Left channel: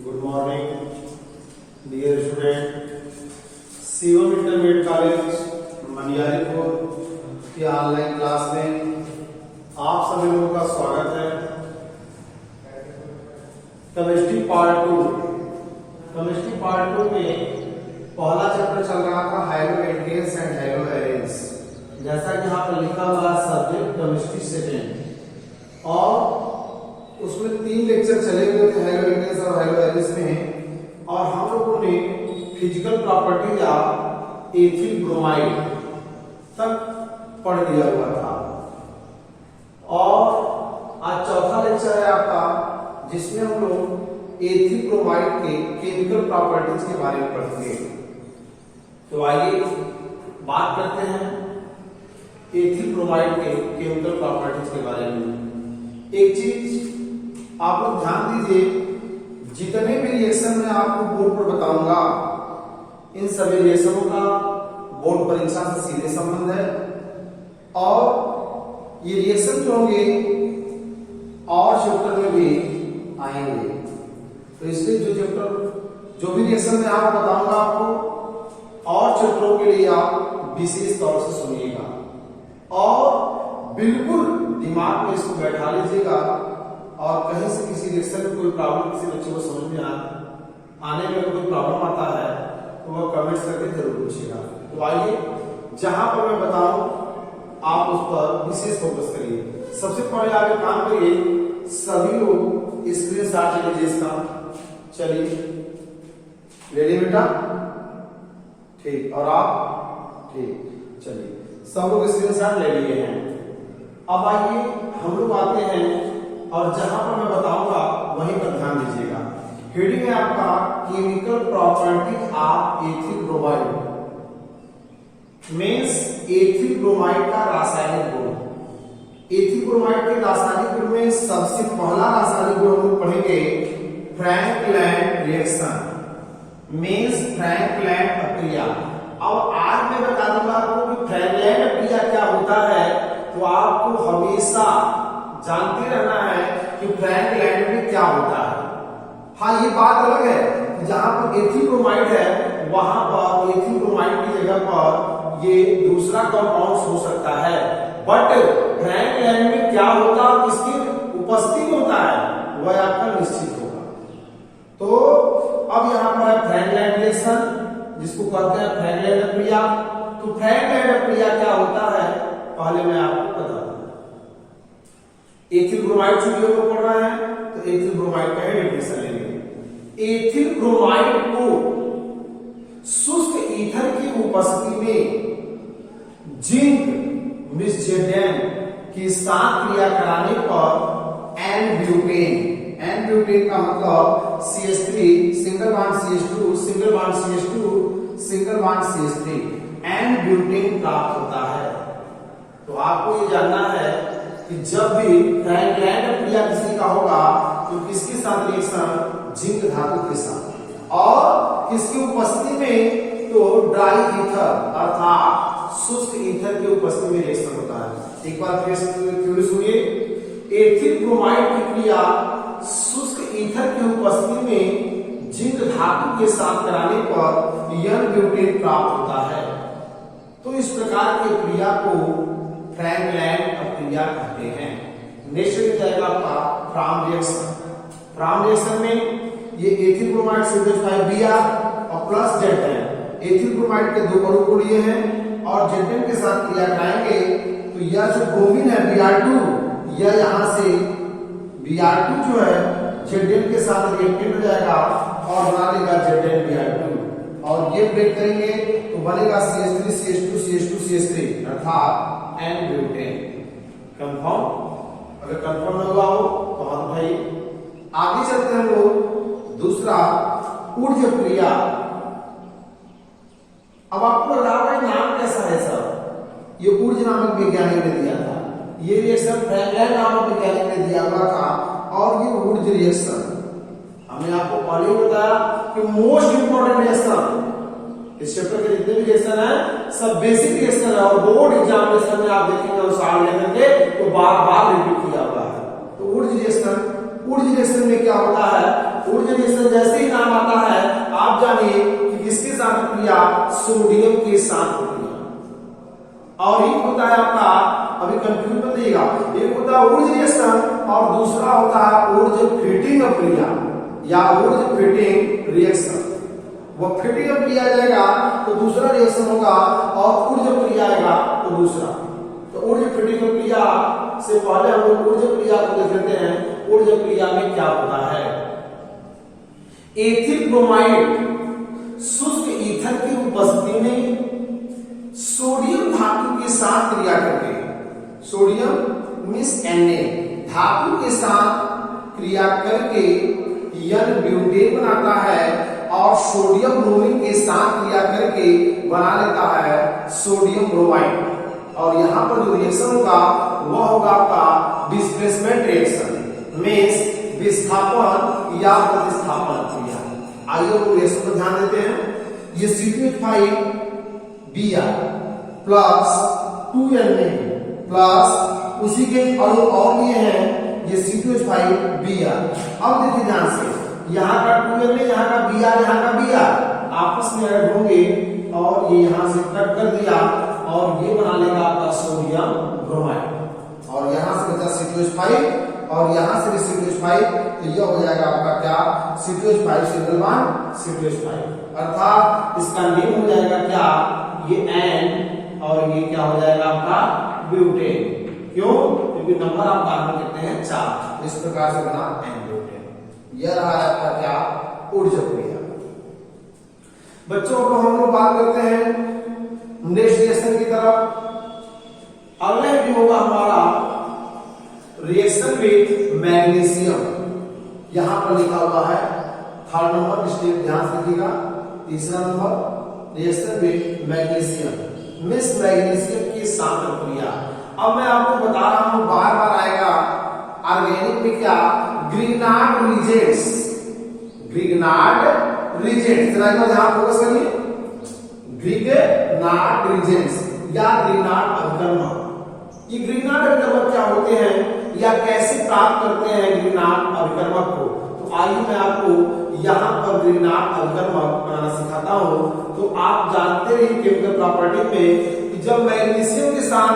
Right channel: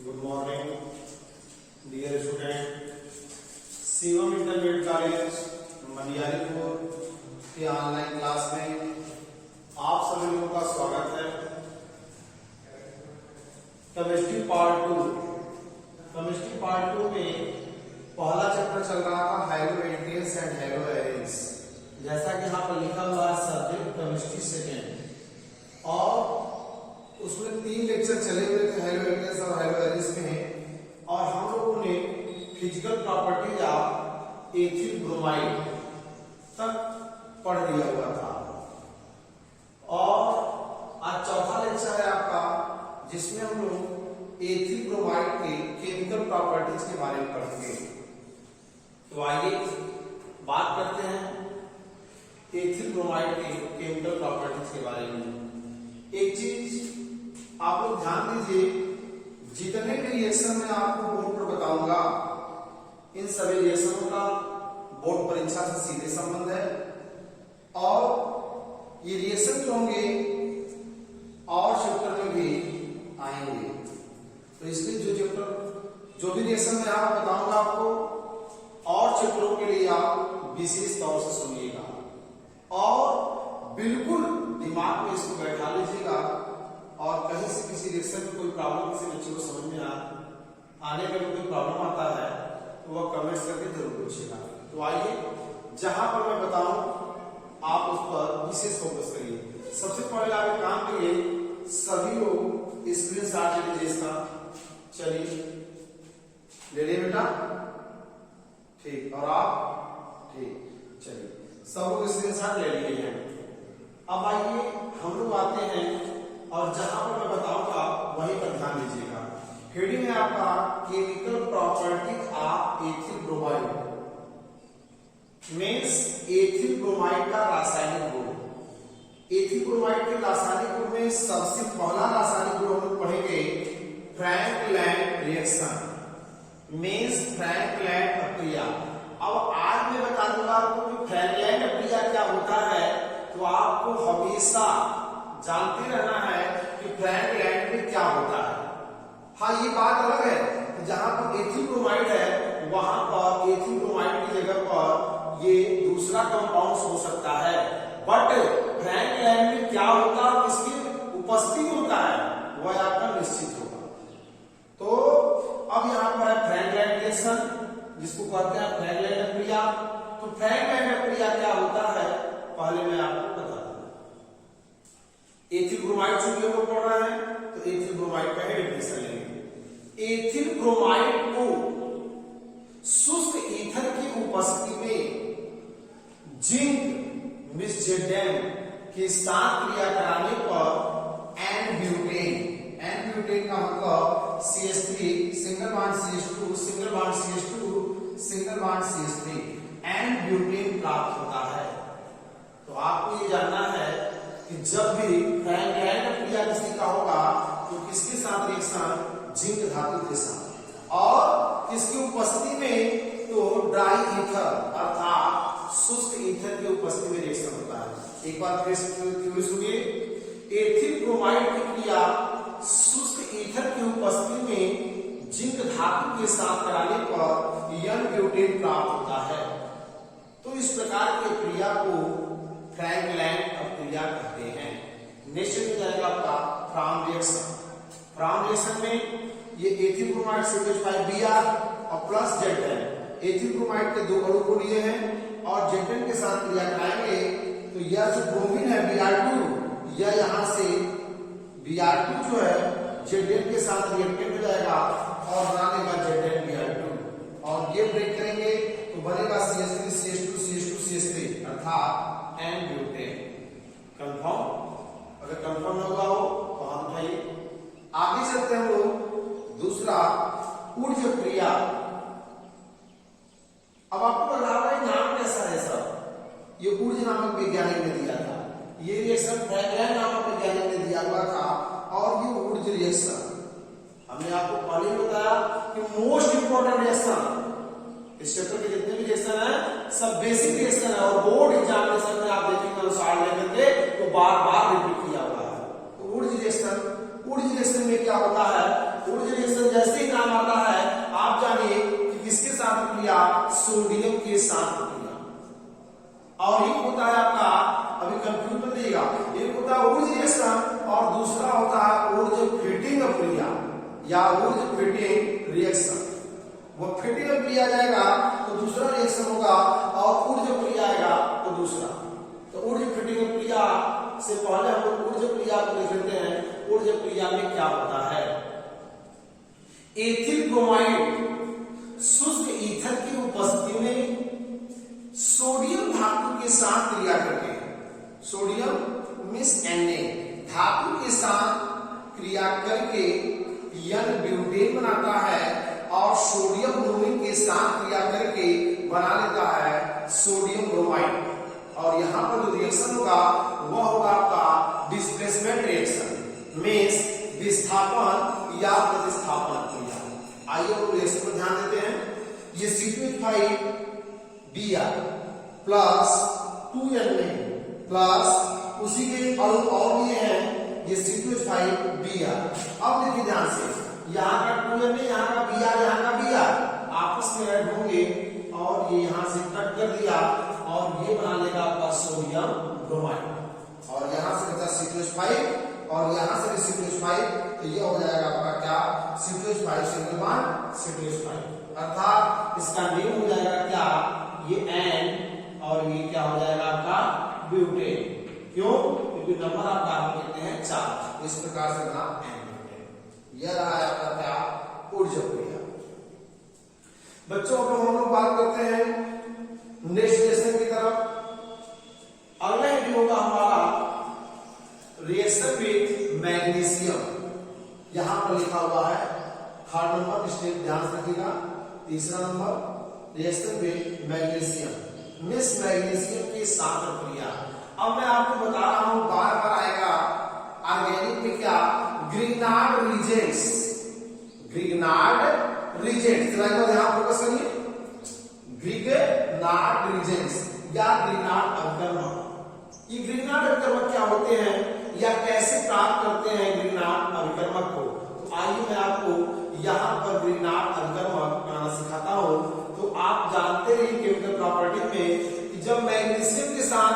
Good morning dear student. C1 intermediate college Maniyaripur की online class में आप सभी लोगों का स्वागत है। केमिस्ट्री पार्ट 2 में पहला चैप्टर चल रहा था haloalkanes and haloarenes. जैसा कि यहाँ पर लिखा हुआ है सब्जेक्ट केमिस्ट्री सेकेंड, और उसमें 3 लेक्चर चले हुए थे हाइलो एल्केन्स और हाइलो एरेन्स में, और हम लोगों ने physical properties of ethyl bromide तक पढ़ दिया हुआ था। और आज चौथा लेक्चर है आपका, जिसमें हम लोग एथिल ब्रोमाइड के केमिकल प्रॉपर्टीज के बारे में पढ़ेंगे। तो आइए बात करते हैं एथिल ब्रोमाइड के केमिकल प्रॉपर्टीज के बारे में। एक चीज आप लोग ध्यान दीजिए, जितने भी रिएक्शन में आपको बोर्ड पर बताऊंगा, इन सभी रिएक्शनों का बोर्ड परीक्षा से सीधे संबंध है। और ये रिएक्शन जो होंगे और चैप्टर में भी आएंगे, तो इसलिए जो भी रिएक्शन में आप बताऊंगा आपको, और चैप्टरों के लिए आप विशेष तौर से सुनिएगा और बिल्कुल दिमाग में इसको बैठा लीजिएगा। और कहीं से किसी रिएक्शन में कोई प्रॉब्लम किसी बच्चे को समझ में आने में कोई प्रॉब्लम आता है तो वह कमेंट्स करके जरूर पूछिएगा। तो आइए, जहां पर मैं बताऊं आप उस पर विशेष फोकस करिए। सबसे पहले आप एक काम करिए, सभी लोग स्क्रीनशॉट ले लीजिए इसका। चलिए ले लीजिए बेटा, ठीक, और आप ठीक, चलिए सब लोग स्क्रीनशॉट ले लिए हैं। अब आइए हम लोग आते हैं, और जहां पर मैं बताऊंगा वहीं पर ध्यान दीजिएगा। हेडिंग है आपका chemical property of ethyl bromide, means ethyl bromide का रासायनिक गुण। एथिल ब्रोमाइड के रासायनिक गुण में सबसे पहला रासायनिक गुण हम लोग पढ़ेंगे फ्रैंकलैंड रिएक्शन, मींस फ्रैंकलैंड प्रक्रिया। अब आज मैं बता दूंगा आपको कि फ्रैंकलैंड प्रक्रिया क्या होता है, तो आपको हमेशा जानते रहना है कि फ्रैंकलैंड में क्या होता है। हाँ, ये बात अलग है, जहां पर एथिल ब्रोमाइड है वहां पर एथिल ब्रोमाइड की जगह पर ये दूसरा कंपाउंड हो सकता है, बट फ्रैंकलैंड में क्या होता है, किसकी उपस्थिति होता है, वह आपका निश्चित होगा। तो अब यहाँ पर है फ्रैंकलैंड रिएक्शन, जिसको कहते हैं फ्रैंकलैंड प्रक्रिया। तो फ्रैंकलैंड प्रक्रिया क्या होता है, पहले मैं आपको बता दूं। एथिल ब्रोमाइड चूंकि हम लोग पढ़ रहे हैं, तो एथिल ब्रोमाइड का डेफिनेशन लेंगे। एथिल ब्रोमाइड को शुष्क ईथर की उपस्थिति में जिंक मिसजेडेन के साथ क्रिया कराने पर एन-ब्यूटेन का मतलब CH3 single bond CH2 single bond CH2 single bond CH3 N-butane प्राप्त होता है। तो आपको ये जानना है कि जब भी फ्रैंकलैंड प्रक्रिया किसी का होगा तो किसके साथ रिएक्शन, जिंक धातु के साथ, और इसकी उपस्थिति में तो ड्राई ईथर अर्थात शुष्क ईथर की उपस्थिति में रिएक्शन होता है। एक बार फिर सुनिए, एथिल ब्रोमाइड की क्रिया शुष्क ईथर की उपस्थिति में जिंक धातु के साथ कराने पर एन-ब्यूटेन प्राप्त होता है। तो इस प्रकार की क्रिया को फ्रैंकलैंड प्रक्रिया कहते हैं। नेक्स्ट जाएगा आपका फ्राम रिएक्शन। फ्राम रिएक्शन में ये एथिल ब्रोमाइड से Br और प्लस Z10, एथिल ब्रोमाइड के 2 अणु को लिए हैं और Z10 के साथ क्रिया कराएंगे, तो यह जो ब्रोमीन है Br2, यह यहां से Br2 जो है Z10 के साथ रिएक्टेड हो जाएगा और बना लेगा Z10Br2, और ये ब्रेक करेंगे तो बनेगा CH3 CH2 CH2 CH3 अर्थात एन-ब्यूटेन। कंफर्म? अगर कंफर्म न हुआ हो तो हम भाई आगे चलते हैं। हम लोग दूसरा ऊर्ज क्रिया। अब आपको लग रहा है नाम कैसा है सर, ये ऊर्ज नामक वैज्ञानिक ने दिया था, ये रिएक्शन फ्रैंकलैंड नामक वैज्ञानिक ने दिया हुआ था, और ये ऊर्ज रिएक्शन हमने आपको पहले ही बताया कि मोस्ट इंपोर्टेंट रिएक्शन इस चैप्टर के जितने भी रिएक्शन है सब बेसिक रिएक्शन है, और बोर्ड एग्जामिनेशन में आप देखेंगे अनुसार लेकर तो बार बार रिपीट किया हुआ है। तो ऊर्ज रिएक्शन में क्या होता है, ऊर्ज रिएक्शन जैसे जानिए कि किसके साथ क्रिया, सोडियम के साथ क्रिया। और एक होता है आपका, अभी कंफ्यूज मत रहिएगा, एक होता है ऊर्ज रिएक्शन और दूसरा होता है ऊर्ज फिटिंग क्रिया या ऊर्ज फिटिंग रिएक्शन। वो फिटिंग क्रिया जाएगा तो दूसरा रिएक्शन होगा और ऊर्ज क्रिया आएगा तो दूसरा। तो ऊर्ज फिटिंग क्रिया से पहले हम लोग ऊर्ज क्रिया को देख लेते हैं। ऊर्ज क्रिया में क्या होता है? एथिल ब्रोमाइड शुष्क ईथर की उपस्थिति में सोडियम धातु के साथ क्रिया करके, सोडियम मिस Na धातु के साथ क्रिया करके यन ब्यूटेन बनाता है और सोडियम ब्रोमीन के साथ क्रिया करके बना लेता है सोडियम ब्रोमाइड। और यहां पर जो रिएक्शन होगा वह होगा आपका डिस्प्लेसमेंट रिएक्शन, मींस विस्थापन या प्रतिस्थापन क्रिया। आइए रिएक्शन पर ध्यान देते हैं। ये C2H5 Br plus 2Na plus उसी के अणु और ये हैं, ये C2H5 Br। अब देखिए ध्यान से, यहाँ का 2Na, यहाँ का Br, यहाँ का Br आपस में ऐड होंगे और ये यहां से कट कर दिया और ये बना लेगा आपका सोडियम ब्रोमाइड। और यहां से बचा C2H5 और यहां से भी C2H5, तो ये हो जाएगा आपका क्या, C2H5 सिंगल बॉन्ड C2H5, अर्थात इसका नेम हो जाएगा क्या, ये N और ये क्या हो जाएगा आपका ब्यूटेन। क्यों? क्योंकि नंबर आप कार्बन कहते हैं 4, इस प्रकार से बना N ब्यूटेन। यह रहा आपका क्या, ऊर्ज क्रिया। बच्चों को हम लोग बात करते हैं नेक्स्ट रिएक्शन की तरफ। अगला भी होगा हमारा रिएक्शन विथ मैग्नीशियम। यहां पर लिखा हुआ है 3rd नंबर, स्टेप ध्यान से देखिएगा। तीसरा number reaction with magnesium, miss magnesium की साथ क्रिया। अब मैं आपको बता रहा हूं, बार बार आएगा ऑर्गेनिक में क्या, ग्रिग्नार्ड रिजेंट्स, ग्रिग्नार्ड रिजेंट्स, जरा ध्यान फोकस करिए। ग्रिग्नार्ड रिजेंट्स या ग्रिग्नार्ड अभिकर्मक। ये ग्रिग्नार्ड अभिकर्मक क्या होते हैं या कैसे प्राप्त करते हैं ग्रिग्नार्ड अभिकर्मक को? तो आइए मैं आपको यहाँ पर ग्रिग्नार्ड अभिकर्मक बनाना सिखाता हूँ। तो आप जानते रहिए केमिकल प्रॉपर्टी में कि जब मैग्नीशियम के साथ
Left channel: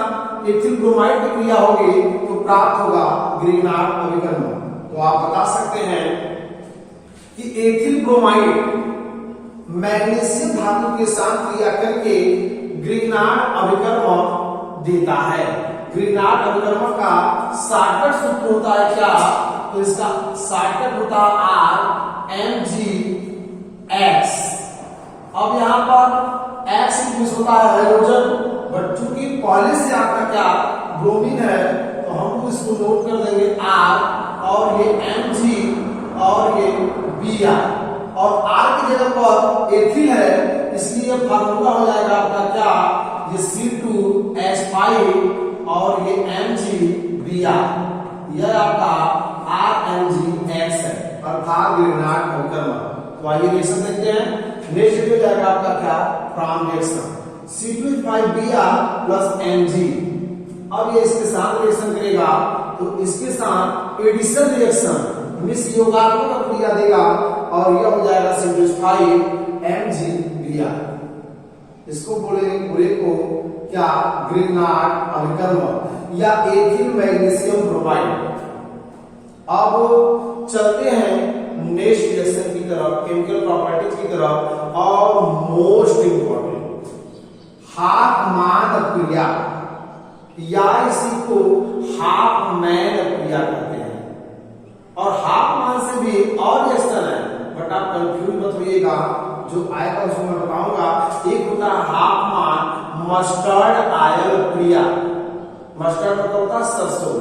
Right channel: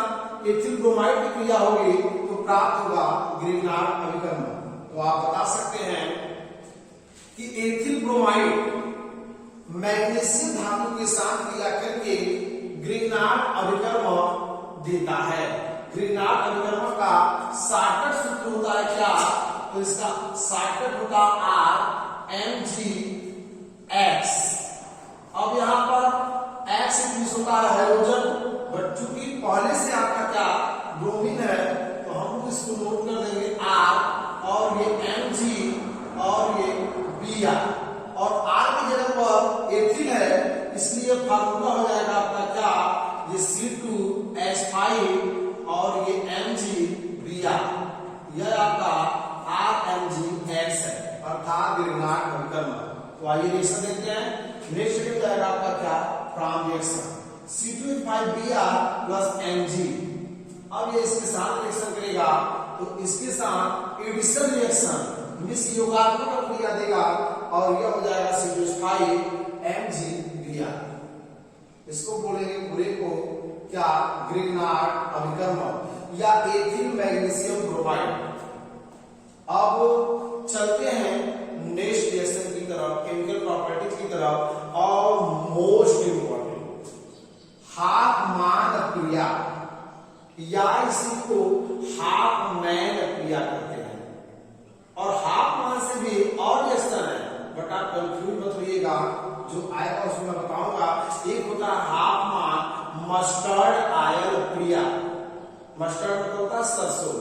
एथिल ब्रोमाइड की क्रिया होगी तो प्राप्त होगा ग्रिग्नार्ड अभिकर्मक। तो आप बता सकते हैं कि एथिल ब्रोमाइड मैग्नीशियम धातु के साथ क्रिया करके ग्रिग्नार्ड अभिकर्मक देता है। ग्रिग्नार्ड अभिकर्मक का शॉर्टकट सूत्र होता है क्या, तो इसका शॉर्टकट होता है RMgX। अब यहां पर X मिस होता है हाइड्रोजन, बट चूंकि पहले से आपका क्या ब्रोमीन है तो हम इसको नोट कर देंगे R और ये Mg और ये Br और R की जगह पर एथिल है, इसलिए फार्मूला हो जाएगा आपका क्या, ये C2H5 और ये MgBr, यह आपका RMgX है, अर्थात ग्रिग्नार्ड अभिकर्मक। तो आइए रिएक्शन देखते हैं। नेक्स्ट हो जाएगा आपका क्या, prime reaction C2H5Br plus Mg। अब ये इसके साथ रिएक्शन करेगा तो इसके साथ एडिशन रिएक्शन मिस योगात्मक क्रिया देगा और यह हो जाएगा C2H5 MgBr। इसको बोलेंगे पूरे को क्या, ग्रिग्नार्ड अभिकर्मक या एथिल मैग्नीशियम ब्रोमाइड। अब चलते हैं नेक्स्ट रिएक्शन की तरफ, केमिकल प्रॉपर्टीज की तरफ। और मोस्ट इंपॉर्टेंट हाफमैन क्रिया या इसी को हाफमैन क्रिया कहते हैं। और हाफमैन से भी और रिएक्शन है, बट आप कंफ्यूज मत होइएगा, जो आएगा उसको मैं बताऊंगा। एक होता है हाफमैन मस्टर्ड आयल क्रिया। मस्टर्ड मतलब होता है सरसों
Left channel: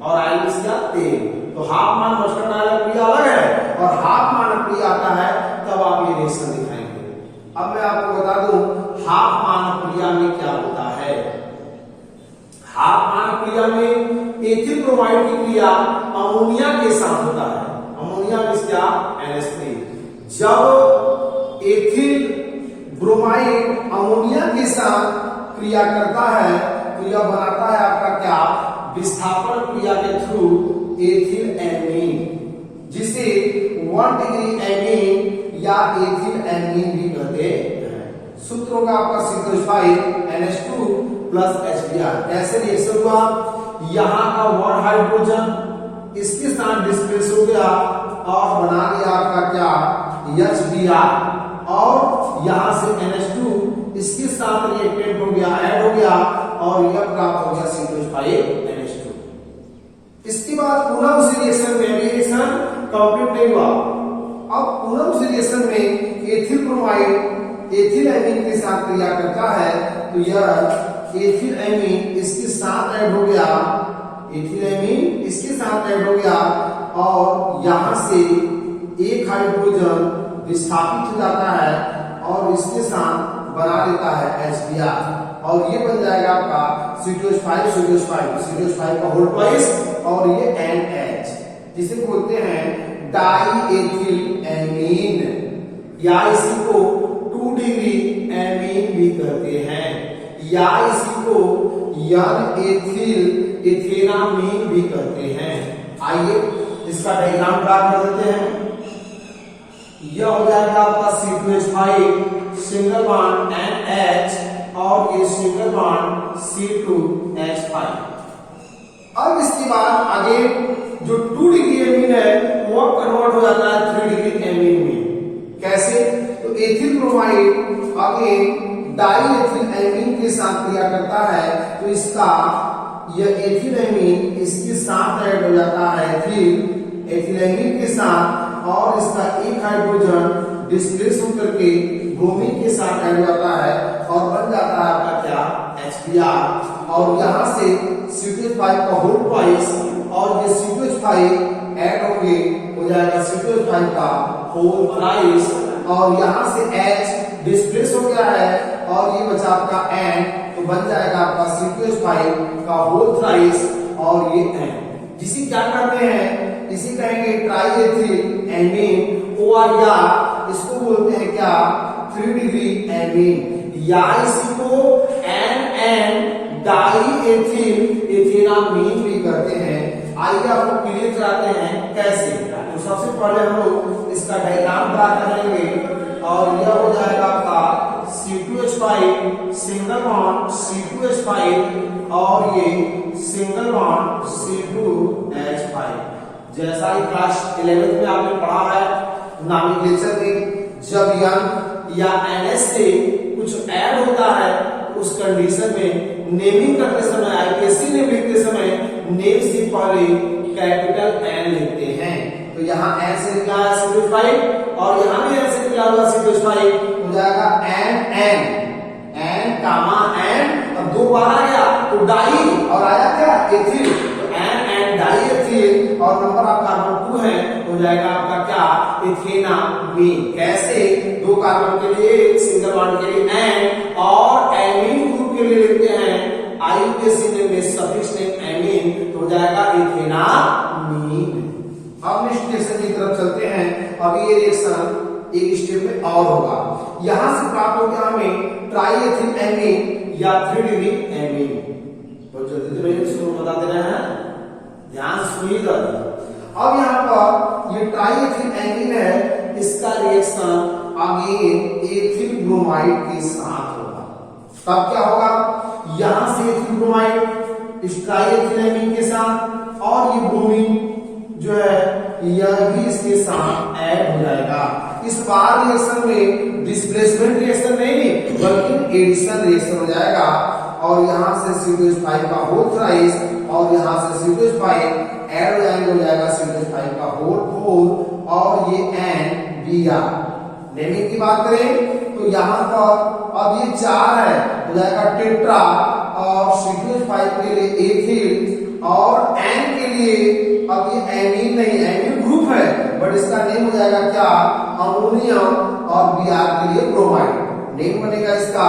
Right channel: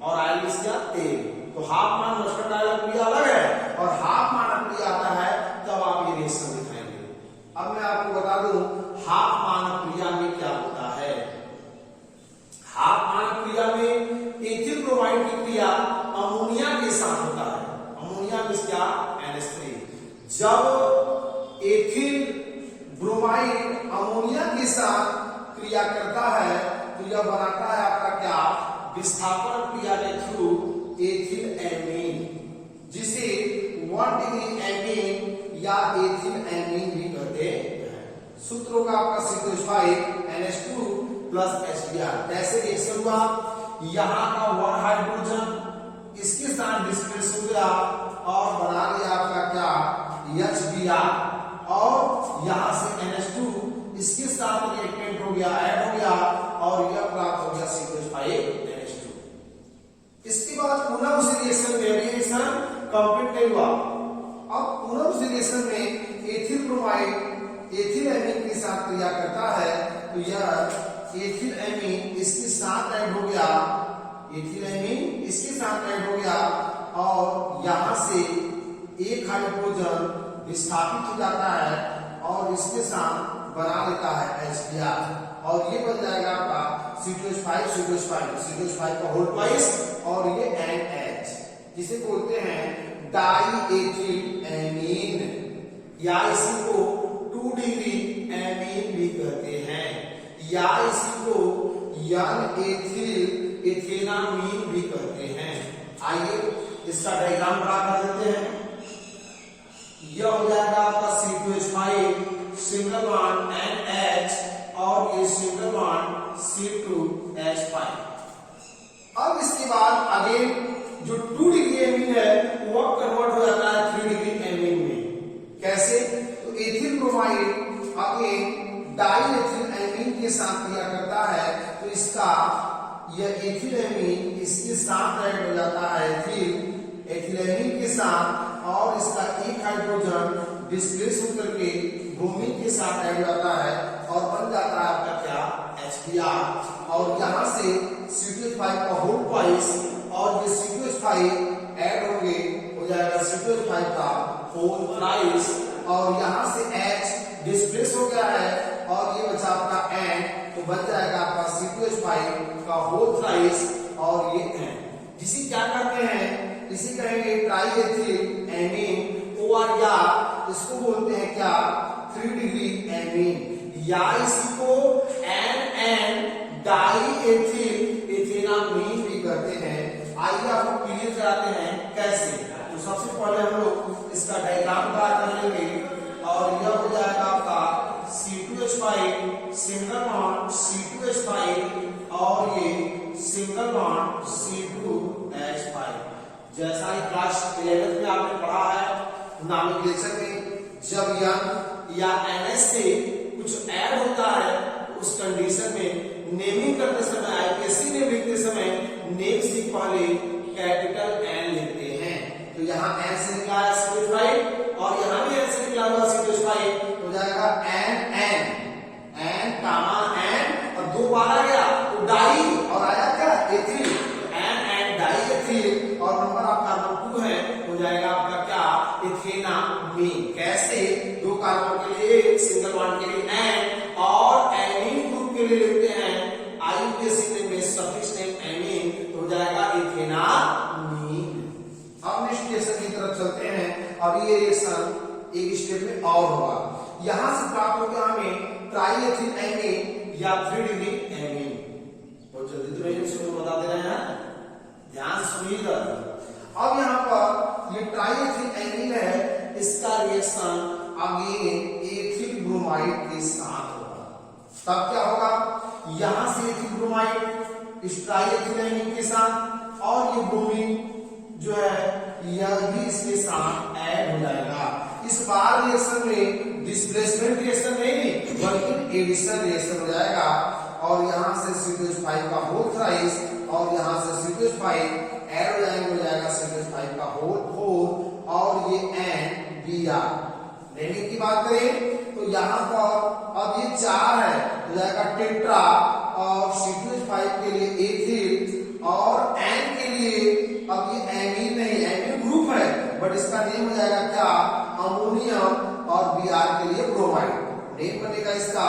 और आयल इसका तेल। तो हाफमैन मस्टर्ड आयल क्रिया अलग है और हाफमैन क्रिया आता है तब आप ये रिएक्शन दिखाएंगे। अब मैं आपको बता दूं हाफमैन क्रिया में क्या होता है। हाफमैन क्रिया में एथिल ब्रोमाइड की क्रिया अमोनिया के साथ होता है। अमोनिया मींस क्या, NH3। जब एथिल ब्रोमाइड अमोनिया के साथ क्रिया करता है तो यह बनाता है आपका क्या, विस्थापन क्रिया के थ्रू एथिल एमीन, जिसे 1 डिग्री एमीन या एथिल सूत्र होगा आपका C2H5 NH2 प्लस HBr। कैसे रिएक्शन हुआ, यहाँ का 1 हाइड्रोजन इसके साथ डिस्प्लेस हो गया और बना लिया आपका क्या HBr, और यहाँ से NH2 इसके साथ रिएक्टेंट हो गया, ऐड हो गया और यह प्राप्त हो गया C2H5 NH2। इसके बाद पुनः उसी रिएक्शन में रिएक्शन कंप्लीट नहीं हुआ, अब पुनः उसी रिएक्शन में एथिल ब्रोमाइड एथिल एमीन के साथ क्रिया करता है, तो यह एथिल एमीन इसके साथ ऐड हो गया, एथिल एमीन इसके साथ ऐड हो गया और यहां से एक हाइड्रोजन विस्थापित हो जाता है और इसके साथ बना लेता है HBr और ये बन जाएगा आपका C2H5 का होल ट्वाइस और ये NH, जिसे बोलते हैं डाई एथिल एमीन या इसी को 2 डिग्री एमीन भी कहते हैं या इसी को यन एथिल एथेनामीन भी कहते हैं। आइए इसका डायग्राम ड्रा कर देते हैं। यह हो जाएगा आपका C2H5 सिंगल बॉन्ड NH और ये सिंगल बॉन्ड C2H5। अब इसके बाद आगे जो 2 डिग्री एमीन है वो कन्वर्ट हो जाता है 3 डिग्री एमीन में। कैसे, तो ethyl bromide again die ethyl amine के साथ क्रिया करता है, तो इसका यह एथिल एमीन इसके साथ ऐड हो जाता है एथिल एमीन के साथ और इसका एक हाइड्रोजन डिस्प्लेस होकर के ब्रोमीन के साथ ऐड हो जाता है और बन जाता है आपका क्या HBr और यहां से C2H5 का होल ट्वाइस और ये C2H5 ऐड होंगे हो जाएगा C2H5 का होल थ्राइस और यहां से H डिस्प्लेस हो गया है और ये बचा आपका N, तो बन जाएगा आपका C2H5 का होल थ्राइस और ये N, जिसे क्या करते हैं इसी कहेंगे ट्राई एथिल एमीन और या इसको बोलते हैं क्या 3 डिग्री एमीन या इसी को NN डाई एथिल एथेनामीन भी करते हैं। आइए आपको क्लियर कराते हैं कैसे। तो सबसे पहले हम लोग इसका डायग्राम ड्रा करेंगे और यह हो जाएगा आपका C2H5 सिंगल बॉन्ड C2H5 और ये सिंगल बॉन्ड C2H5। जैसा ही क्लास 11th में आपने पढ़ा है नॉमेनक्लेचर में, जब यन या NH से कुछ ऐड होता है उस कंडीशन में नेमिंग करते समय आईपीएससी नेम लिखते समय नेम से पहले कैपिटल N लिखते हैं। तो यहाँ N से निकला है C2H5 और यहाँ भी N से निकला हुआ C2H5 हो जाएगा N और 2 बार आ गया तो डाई और आया क्या एथिल, N डाई एथिल और नंबर ऑफ कार्बन 2 है हो जाएगा आपका क्या एथेनामीन। कैसे, 2 कार्बन के लिए सिंगल बॉन्ड के लिए N और एमीन ग्रुप के लिए लेते हैं आईयूपीएसी में सफिक्स नेम एमीन, तो हो जाएगा एथेनामीन। अब नेक्स्ट रिएक्शन की तरफ चलते हैं। अभी ये रिएक्शन एक स्टेप में और होगा, यहां से प्राप्त हो गया हमें ट्राई एथिल एमीन या 3 डिग्री एमीन। बहुत जल्दी से मैं इसको बता दे रहे हैं, ध्यान सुनिएगा। अब यहाँ पर ये ट्राई एथिल एमीन है, इसका रिएक्शन अगेन एथिल ब्रोमाइड के साथ होगा। तब क्या होगा, यहां से एथिल ब्रोमाइड इस ट्राई एथिल एमीन के साथ और ये ब्रोमीन जो है यह भी इसके साथ ऐड हो जाएगा। इस बार रिएक्शन में डिस्प्लेसमेंट रिएक्शन नहीं बल्कि एडिशन रिएक्शन हो जाएगा और यहां से C2H5 का होल थ्राइस और यहां से C2H5 ऐड हो जाएंगे, हो जाएगा C2H5 का होल 4 और ये NBr। नेमिंग की बात करें तो यहाँ पर अब ये 4 है हो जाएगा टेट्रा और C2H5 के लिए एथिल और N के लिए अब ये एमीन नहीं, एमीन ग्रुप है बट इसका नेम हो जाएगा क्या अमोनियम और Br के लिए ब्रोमाइड। नेम बनेगा इसका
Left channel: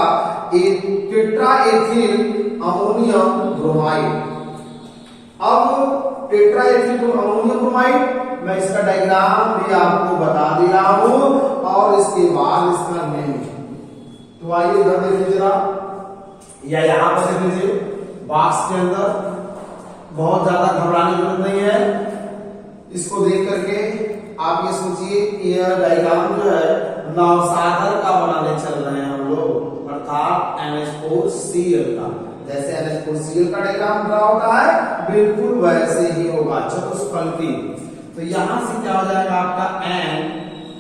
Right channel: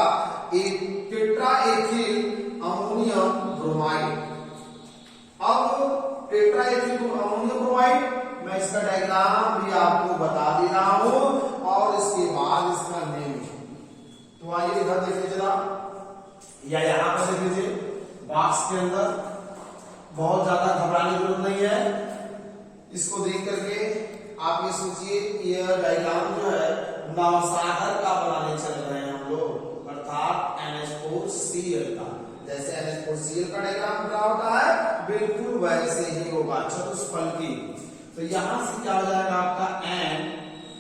टेट्रा एथिल अमोनियम ब्रोमाइड। अब टेट्रा एथिल अमोनियम ब्रोमाइड मैं इसका डायग्राम भी आपको बता दे रहा हूं और इसके बाद इसका नेम। तो आइए इधर देखिए जरा, या यहां पर देख लीजिए बॉक्स के अंदर, बहुत ज्यादा घबराने की जरूरत नहीं है। इसको देख करके आप ये सोचिए कि यह डायग्राम जो है नवसागर का बनाने चल रहे हैं हम लोग। अर्थात NH4Cl का। जैसे NH4Cl का डायग्राम ड्रा होता है बिल्कुल वैसे ही होगा चतुष्फलकी। तो यहां से क्या हो जाएगा आपका N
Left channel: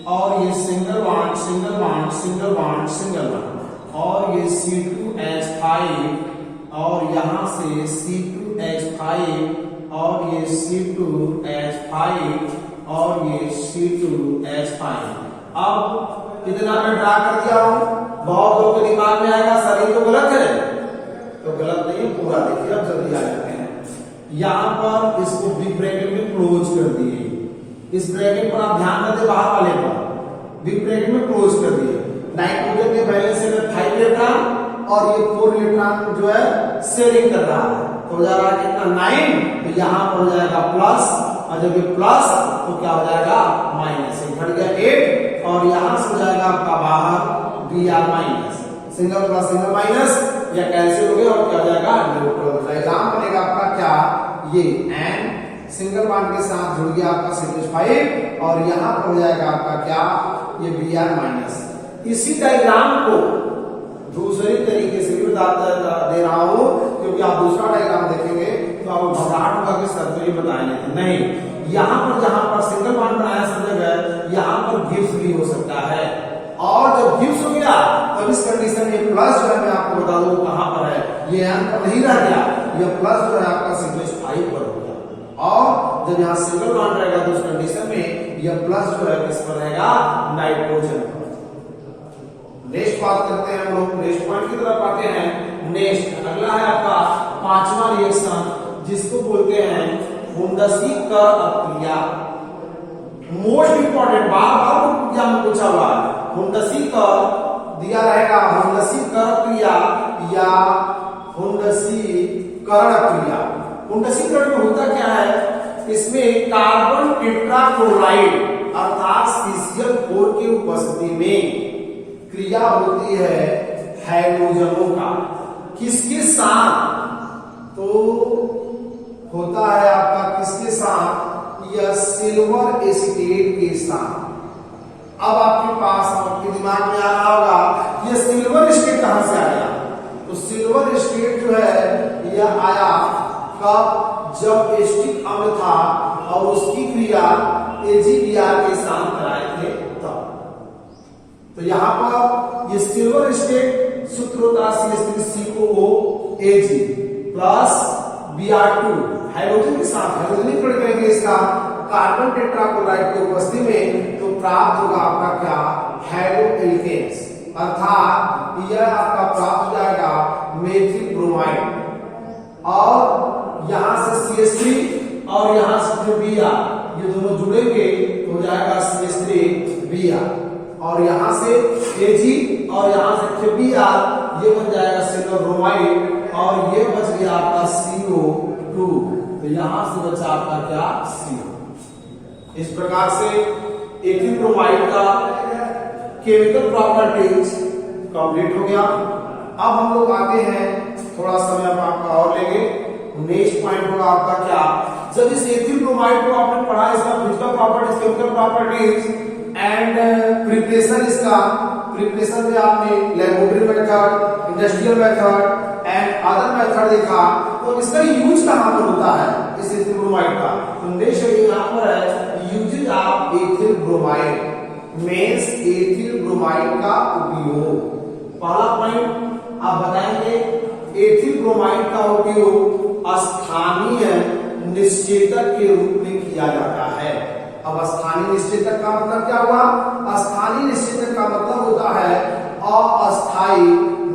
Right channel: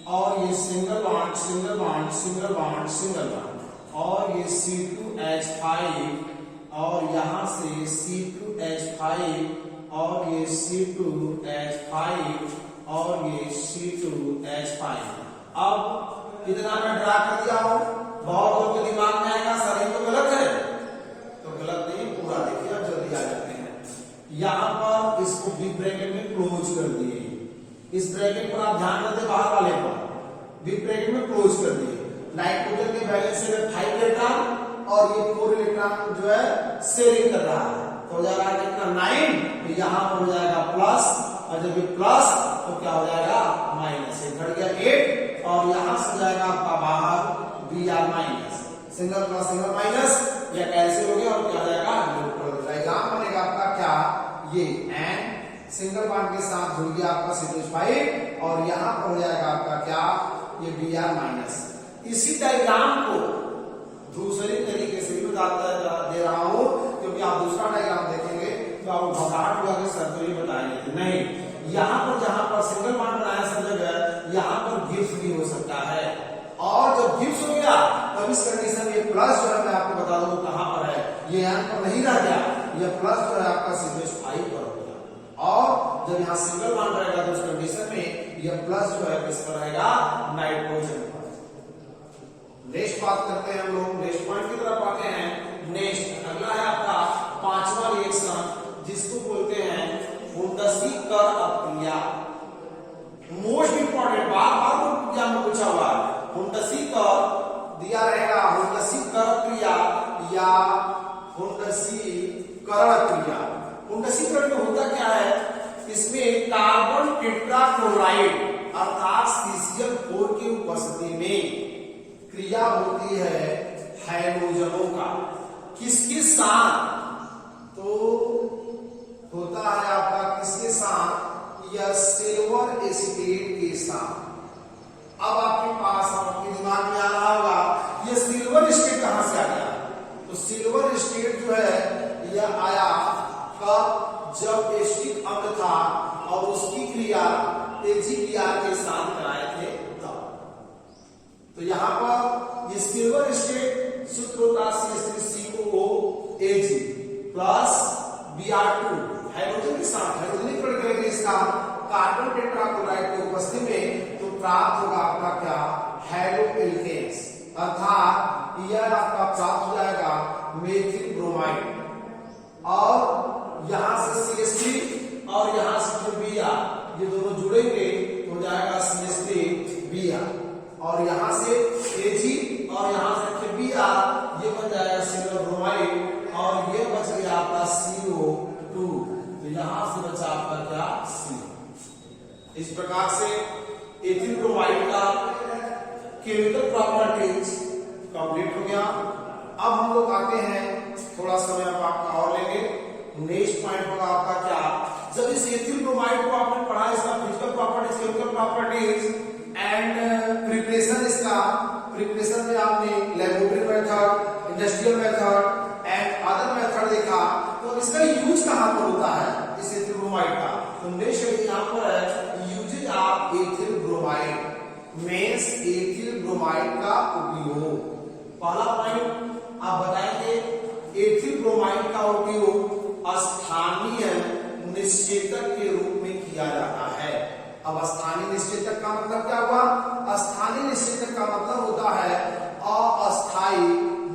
और ये single bond single bond single bond single bond और ये C2H5 और यहां से C2H5 और ये C2H5 और ये C2H5। अब कितना मैं ड्रा कर दिया हूं, बहुत लोग के दिमाग में आएगा सर ये तो गलत है, तो गलत नहीं पूरा देखिए। अब जल्दी आ जाते हैं, यहां पर इसको बिग ब्रैकेट में क्लोज कर दिए, इस ब्रैकेट पर आप ध्यान देते बाहर वाले पर बिग ब्रैकेट में क्लोज कर दिए। नाइट्रोजन के बैलेंस से 5 इलेक्ट्रॉन और ये 4 इलेक्ट्रॉन जो है शेयरिंग कर रहा है, तो हो जा रहा है कितना 9, तो यहां पर हो जाएगा प्लस, और जब ये प्लस तो क्या हो जाएगा माइनस, घट गया 8 और यहां से हो जाएगा आपका बाहर Br minus, single plus single minus या कैंसिल हो गया और क्या हो जाएगा न्यूट्रल। डायग्राम बनेगा आपका क्या, ये N सिंगल बॉन्ड के साथ जुड़ गया आपका CH5 और यहां पर हो जाएगा आपका क्या, ये Br माइनस। इसी डायग्राम को दूसरे तरीके से भी बताता दे रहा हूं, क्योंकि आप दूसरा डायग्राम देखेंगे तो आप घबराहट होगा कि सर तो ये बताएंगे, नहीं, यहां पर जहां पर सिंगल बॉन्ड बनाया सब जगह यहां पर गिब्स भी हो सकता है, और जब गिब्स हो गया तब इस कंडीशन में प्लस जो है मैं आपको बता दूं कहां पर है, ये यहां पर नहीं रह गया, ये प्लस जो है आपका CH5 पर हो गया, और जब यहां सिंगल बॉन्ड रहेगा तो उस कंडीशन में यह प्लस जो है किस पर रहेगा, नाइट्रोजन पर। नेक्स्ट बात करते हैं हम लोग, नेक्स्ट पॉइंट की तरफ आते हैं। नेक्स्ट अगला है आपका 5वां रिएक्शन जिसको बोलते हैं हुंडसीकर अपक्रिया। मोस्ट इंपॉर्टेंट बार बार एग्जाम में पूछा हुआ है, हुंडसीकर दिया रहेगा, हुंडसीकर क्रिया या हुंडसीकरण क्रिया। हुंडसीकरण में होता क्या है, इसमें कार्बन टेट्राक्लोराइड अर्थात CCl4 की उपस्थिति में क्रिया होती है हैलोजनों का, किसके साथ, तो होता है आपका किसके साथ, यह सिल्वर एसिटेट के साथ। अब आपके पास आपके दिमाग में आ रहा होगा ये सिल्वर एसिटेट कहां से आ गया, तो सिल्वर एसिटेट जो है यह आया कब, जब एसिटिक अम्ल था और उसकी क्रिया AgBr के साथ कराए थे तब। तो यहां पर ये सिल्वर एसिटेट सूत्र होता है CH3COOAg प्लस Br2 हाइड्रोजन के साथ हाइड्रोजन जोड़ करेंगे इसका कार्बन टेट्राक्लोराइड की उपस्थिति में, तो प्राप्त होगा आपका क्या, हैलो एल्केन्स, अर्थात यह आपका प्राप्त हो जाएगा मेथिल ब्रोमाइड, और यहां से CH3 और यहां से जो Br ये दोनों जुड़ेंगे तो हो जाएगा CH3Br, और यहां से Ag और यहां से Br ये बन जाएगा सिल्वर ब्रोमाइड, और ये बच गया आपका CO2, तो यहां से बचा आपका क्या, CO। इस प्रकार से एथिल ब्रोमाइड का केमिकल प्रॉपर्टीज कंप्लीट हो गया। अब हम लोग आते हैं, थोड़ा समय आपका और लेंगे, नेक्स्ट पॉइंट होगा आपका क्या, जब इस एथिल ब्रोमाइड को आपने पढ़ा इसका physical properties chemical properties and preparation, इसका प्रिपरेशन में आपने laboratory method, industrial method and other method देखा, तो इसका यूज कहां पर होता है इस एथिल ब्रोमाइड का, तो नेक्स्ट यहां पर है uses of ethyl bromide, means ethyl bromide का उपयोग। पहला पॉइंट आप बताएंगे, एथिल ब्रोमाइड का उपयोग स्थानीय निश्चेतक के रूप में किया जाता है। अब स्थानीय निश्चेतक का मतलब क्या हुआ, स्थानीय निश्चेतक का मतलब होता है अस्थायी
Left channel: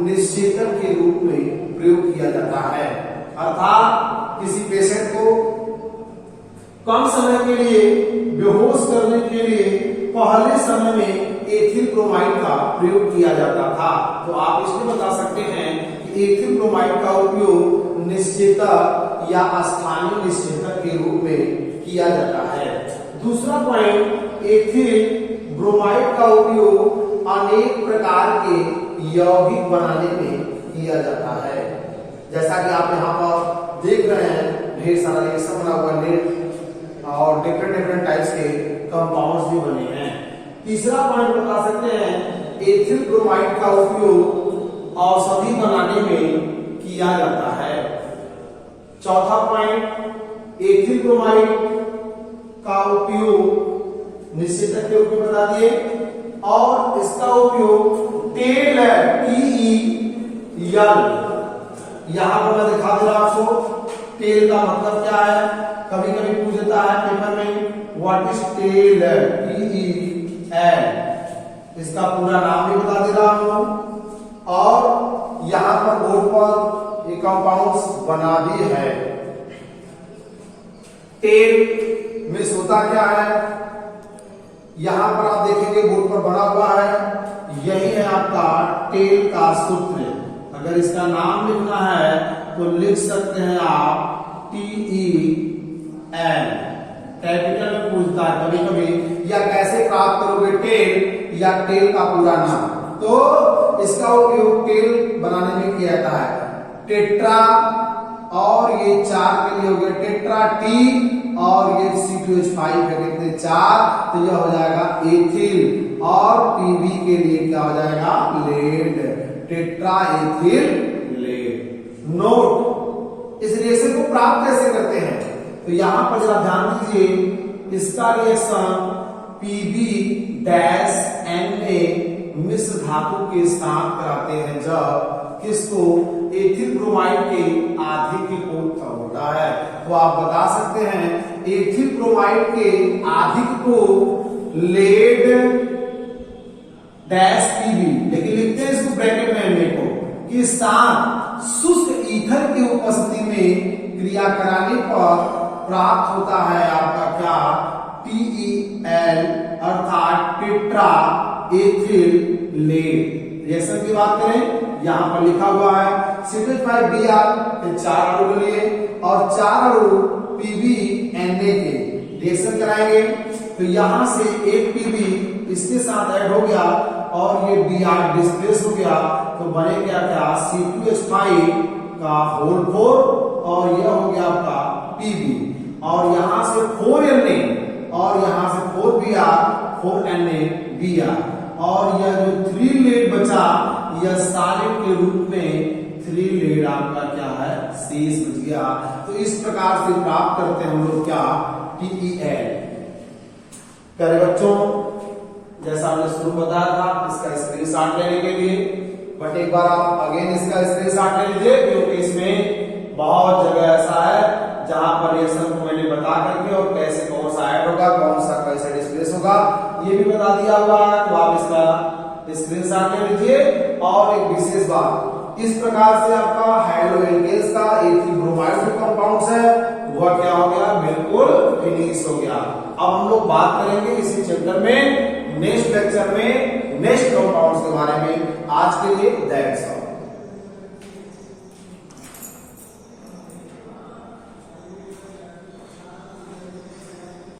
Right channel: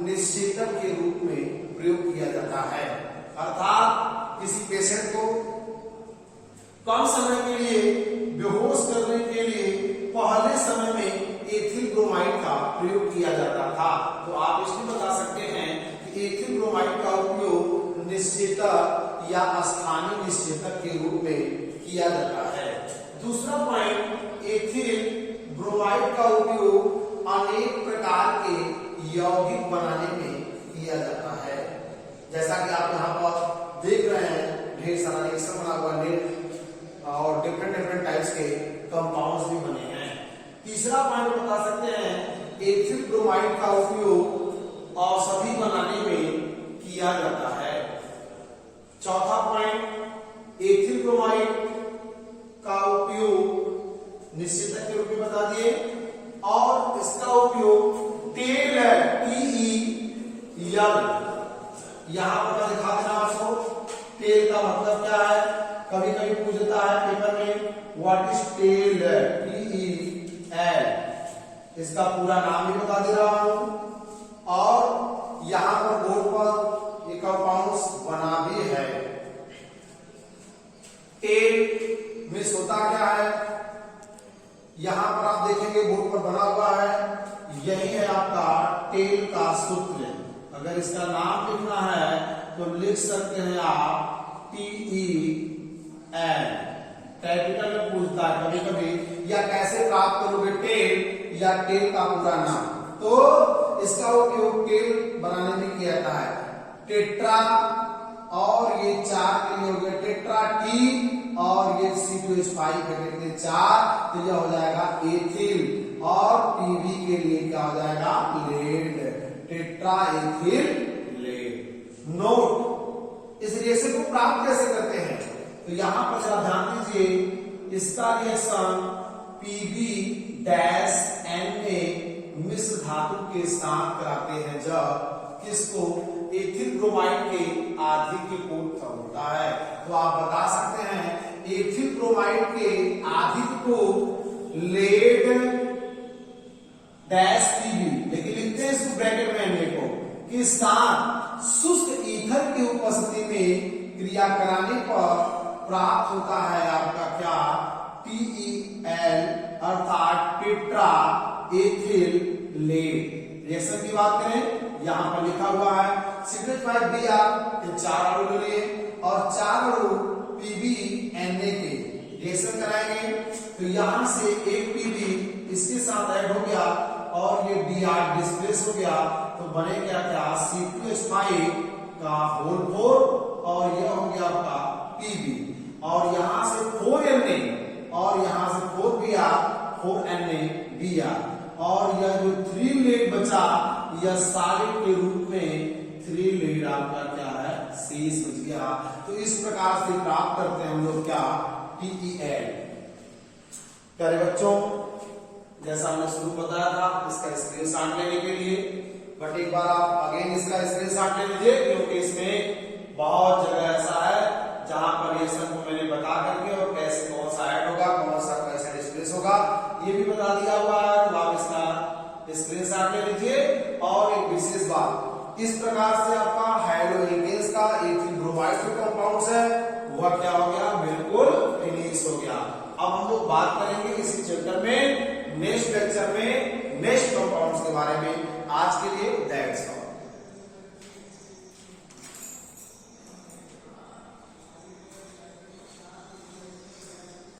निश्चेतक के रूप में प्रयोग किया जाता है, अर्थात किसी पेशेंट को कम समय के लिए बेहोश करने के लिए पहले समय में एथिल ब्रोमाइड का प्रयोग किया जाता था। तो आप इसमें बता सकते हैं कि एथिल ब्रोमाइड का उपयोग निश्चेतक या स्थानीय निश्चेतक के रूप में किया जाता है। दूसरा पॉइंट, एथिल ब्रोमाइड का उपयोग अनेक प्रकार के यौगिक बनाने में किया जाता है, जैसा कि आप यहाँ पर देख रहे हैं ढेर सारा रिएक्शन बना हुआ है और डिफरेंट टाइप्स के कंपाउंड्स भी बने हैं। तीसरा पॉइंट बता सकते हैं, एथिल ब्रोमाइड का उपयोग औषधि बनाने में किया जाता है। चौथा पॉइंट, एथिल ब्रोमाइड का उपयोग निश्चितक के रूप में बता दिए, और इसका उपयोग तेल यहां पर मैं दिखा दे रहा आपको। तेल का मतलब क्या है, कभी कभी पूछ देता है पेपर में, व्हाट इज तेल, TEL, इसका पूरा नाम भी बता दे रहा हूं। और यहां पर बोर्ड पर ये कंपाउंड्स बना भी है। तेल मिस होता क्या है, यहां पर आप देखेंगे बोर्ड पर बना हुआ है, यही है आपका टेल का सूत्र। अगर इसका नाम लिखना है तो लिख सकते हैं आप TEL, कैपिटल में पूछता है कभी कभी, या कैसे प्राप्त करोगे टेल, या टेल का पूरा नाम। तो इसका उपयोग टेल बनाने में किया जाता है। टेट्रा, और ये 4 के लिए हो गया टेट्रा टी, और ये C2H5 है कितने 4, तो यह हो जाएगा एथिल, और PB के लिए क्या हो जाएगा, lead, tetraethyl lead. Note, इस रिएक्शन को प्राप्त कैसे करते हैं, तो यहां पर जरा ध्यान दीजिए, इसका रिएक्शन PB-Na मिश्र धातु के साथ कराते हैं जब किसको, एथिल ब्रोमाइड के आधे के को होता है। तो आप बता सकते हैं एथिल ब्रोमाइड के आधिक को लेड डैश PB, लेकिन लिखते हैं इसको ब्रैकेट में एनए को, कि साथ शुष्क ईथर की उपस्थिति में क्रिया कराने पर प्राप्त होता है आपका क्या, TEL, अर्थात टेट्रा एथिल लेड। रिएक्शन की बात करें, यहां पर लिखा हुआ है C2H5Br, फिर 4 अणु लिए, और 4 अणु PB-Na के रिएक्शन कराएंगे। तो यहां से एक PB इसके साथ ऐड हो गया, और ये Br डिस्प्लेस हो गया, तो बने क्या क्या, C2H5 का होल 4, और यह हो गया आपका PB, और यहां से 4Na, और यहां से 4Br, 4Na, और यह जो 3 लेड बचा, यह सॉलिड के रूप में 3 लेड आपका क्या है, शेष बच गया। तो इस प्रकार से प्राप्त करते हैं हम लोग क्या, TEL। प्यारे बच्चों, जैसा हमने शुरू बताया था, इसका स्क्रीनशॉट लेने के लिए, बट एक बार आप अगेन इसका स्क्रीनशॉट ले लीजिए, क्योंकि इसमें बहुत जगह ऐसा है जहां पर रिएक्शन को मैंने बता करके और कैसे कौन सा ऐड होगा, कौन सा कैसे डिस्प्लेस होगा, ये भी बता दिया हुआ है। तो आप इसका स्क्रीनशॉट ले लीजिए। और एक विशेष बात, इस प्रकार से आपका हेलोएल्केन्स का एथिल ब्रोमाइड जो कंपाउंड्स है वह क्या हो गया, बिल्कुल फिनिश हो गया। अब हम लोग बात करेंगे इसी चैप्टर में नेक्स्ट लेक्चर में नेक्स्ट कंपाउंड्स के बारे में। आज के लिए दैट्स ऑल।